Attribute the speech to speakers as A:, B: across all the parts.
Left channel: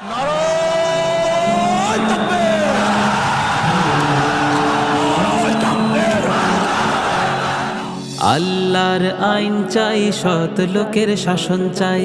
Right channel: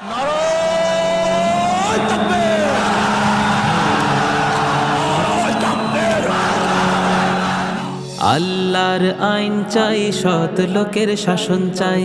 A: আল্লাহর আইন চাই সৎ লোকের শাসন চাই।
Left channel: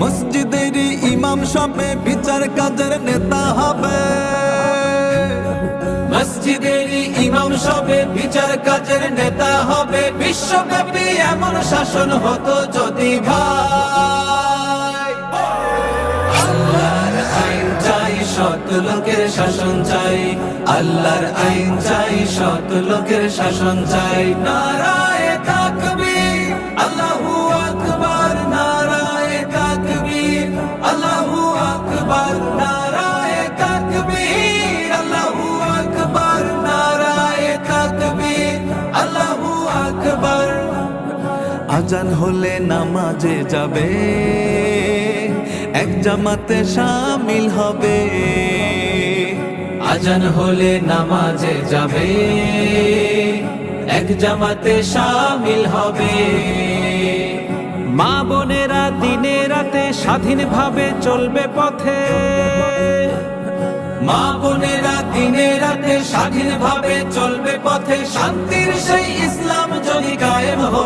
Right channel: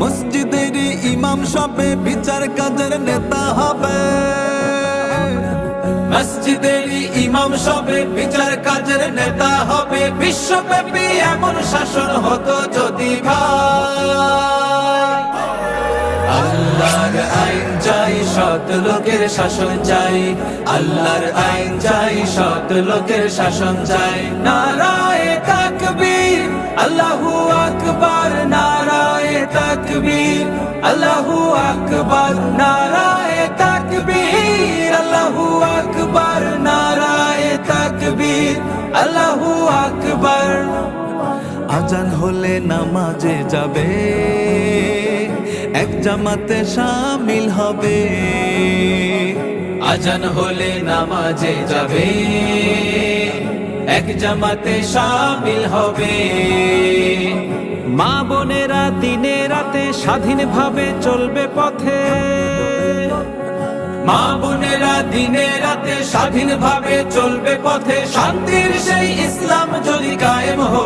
B: মসজিদের ইমাম সবে বিচার কাজের নেতা হবে।
A: মসজিদের ইমাম সবে বিচার কাজের নেতা হবে। বিশ্বব্যাপী এমন শাসন হতো যদি ভাই। আল্লাহর আইন চাই, সৎ লোকের শাসন চাই। আল্লাহর আইন চাই, সৎ লোকের শাসন চাই। নারায়ে আকবার, নারায়ে তাকবীর, আল্লাহু আকবার, নারায়ে তাকবীর, আল্লাহু আকবার।
B: আজান হলে নামাজে যাবে, এক জামাতে শামিল হবে।
A: আজান হলে নামাজে যাবে, এক জামাতে শামিল হবে। মা বোনেরা দিনে রাতে স্বাধীনভাবে চলবে পথে। মা বোনেরা দিনে রাতে স্বাধীনভাবে চলবে পথে। শান্তির সেই ইসলাম যদি কায়েম হয়ে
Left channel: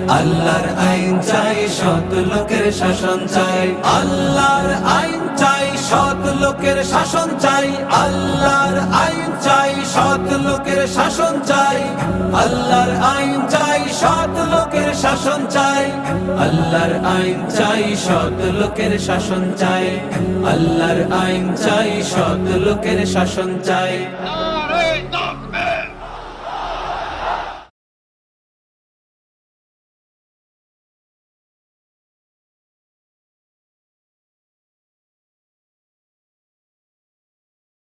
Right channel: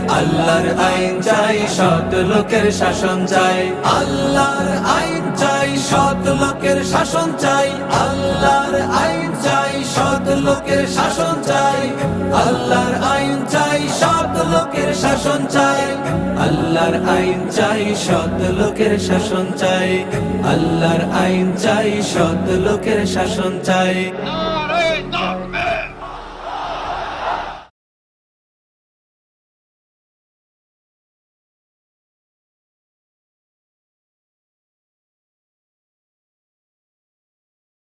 A: আল্লাহর আইন চাই, সৎ লোকের শাসন চাই। আল্লাহর আইন চাই, সৎ লোকের শাসন চাই। আল্লাহর আইন চাই, সৎ লোকের শাসন চাই। আল্লাহর আইন চাই, সৎ লোকের শাসন চাই। আল্লাহর আইন চাই, সৎ লোকের শাসন চাই। আল্লাহর আইন চাই, সৎ লোকের শাসন চাই।